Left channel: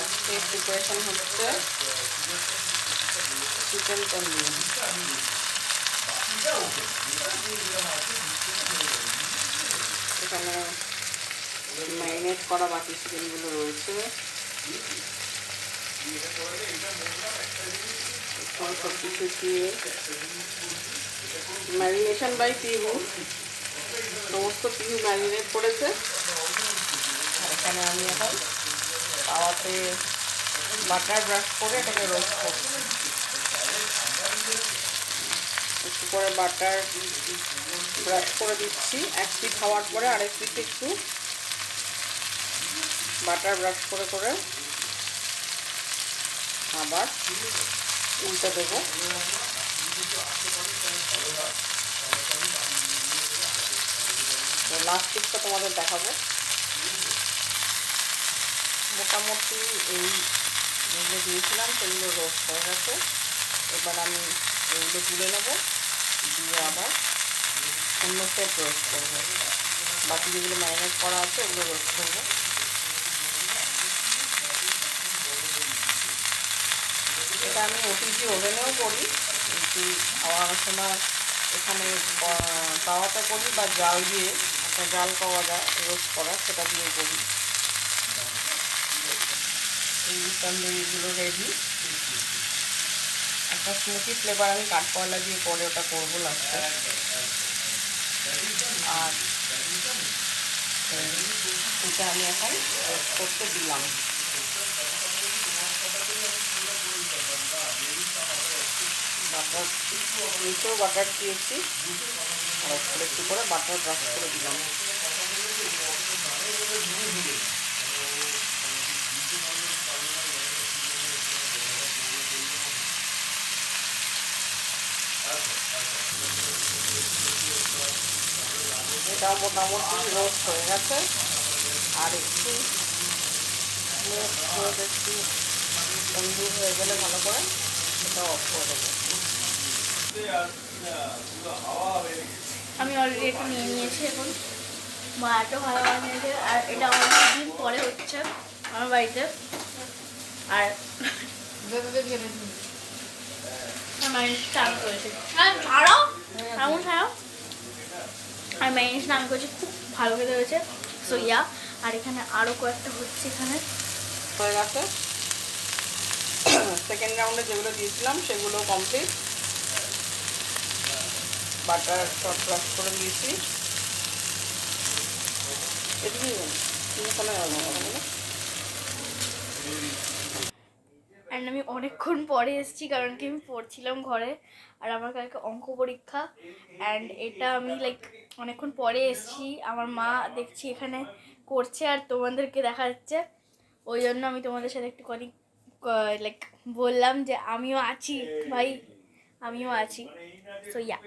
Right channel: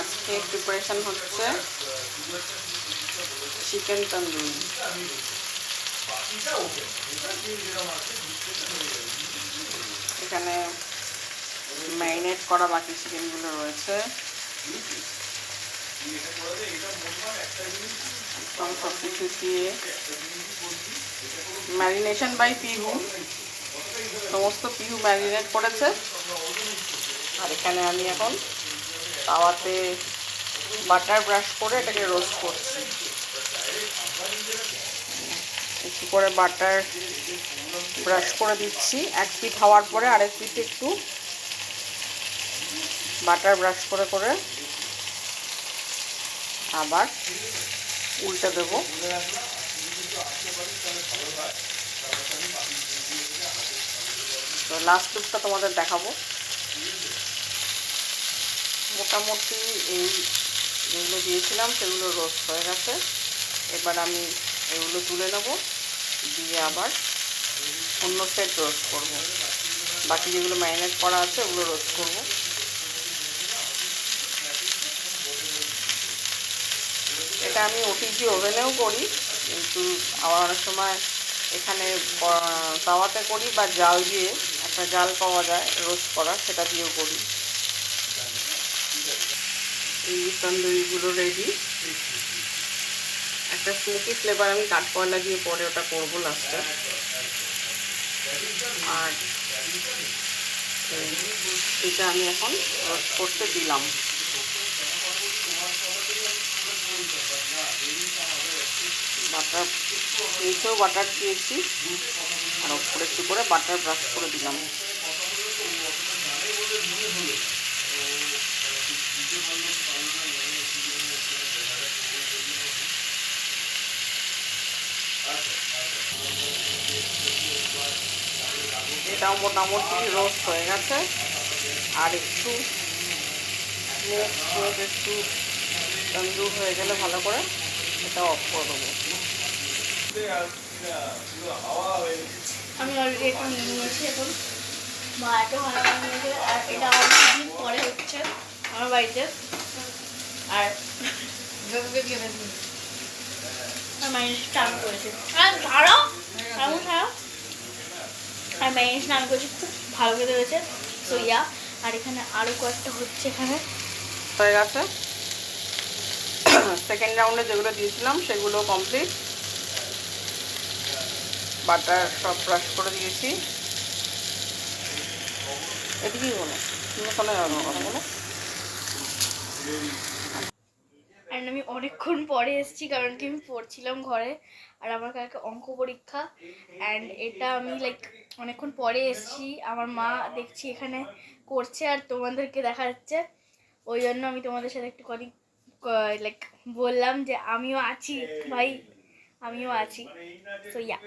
আজকে প্রিপারেশন হচ্ছে চিকেন তন্দুরি। এখানে ম্যারিনেট করা বাকি চিকেনগুলো রয়েছে। সব কিছু দিয়ে ম্যারিনেশন বাই পিহু, সমস্ত পিহু ম্যারিনেট করেছে। আর এখানে আমি এখন তাওয়াতে বাটার ব্রাশ করে এটাকে রোস্ট করছি। একটু করে বাটার ব্রাশ করে দিচ্ছি। এক পিঠ হওয়ার পরে আরেক পিঠ একটু বাটার ব্রাশ করে করে আবার উল্টে দেবো। তো লাস্ট পিঠটা তোমাদের দেখাবো। মোটামুটি এই যেগুলো দিয়েছিলাম সেগুলো রোস্ট হয়ে গেছে। এবার আমি এগুলো তুলে নেব, দিয়ে আবার অন্য সেট রোস্ট করবো। বাকি যেগুলো ম্যারিনেট করা আছে ওগুলো রোস্ট করবো। এটা আমি ওটিজি ওভেনেও করি, কিন্তু আবার অনেক সময় এখানে তাওয়াতে করি, বা জাল দিয়ে একটা জাল পাওয়া যায় রোস্ট করা, সেটা দিয়েও করি। এই তন্দুরিগুলো রেডি। একটা স্মোকি ফ্লেভার আমি কাঠকয়লা দিয়ে পরে ওটা করবো লাস্টে। আর এটা আমি এখন রোস্ট করতে দিলাম। বাটার, নিচেও বাটার দিয়েছি, আর ওপরে একটু করে বাটার ব্রাশ করে দিলাম। এটাও মোটামুটি রোস্ট হয়ে গেছে। আর একটু স্মোক একটু তন্দুর হয়ে গেলে ভালো করে এটা অফ করে দেবো। আমি অলরেডি এটা নিয়ে নিয়েছি। এখন মা এত ভালো বানিয়েছে, আর এটা অনেকদিন পরে হচ্ছে আমার বাড়িতে। আর স্নান করেছে, আর ম্যারিনেট স্নান করেছি, খুব ভালো খেতে হয়েছে। সো ইয়া, আর এখানে আরও কয়েকটা হচ্ছে। এখানে হয়ে গেছে। সেকেন্ড রাউন্ডে যেগুলো দিয়েছিলাম সেগুলো কমপ্লিট। বাটার সব ব্রাশ করে দিয়েছি। এদিকেই বলো, কোনো কথা বলো। অ্যান্ড আমি অনেকক্ষণ পরে এসেছি, কারণ কি আমি পড়ছিলাম ঘরে, আর আমার কালকে অঙ্ক পরীক্ষা। অ্যান্ড এটা আমি অনেকক্ষণ পরে এসেছি, আমার মা দেখছি এখানে করছে আর তোমাদেরকে দেখা যাচ্ছে। ওই জন্য আমি তোমাদের সাথে একটু বললাম যে আমিও আছি ভাই, আমিও আছি। So yeah.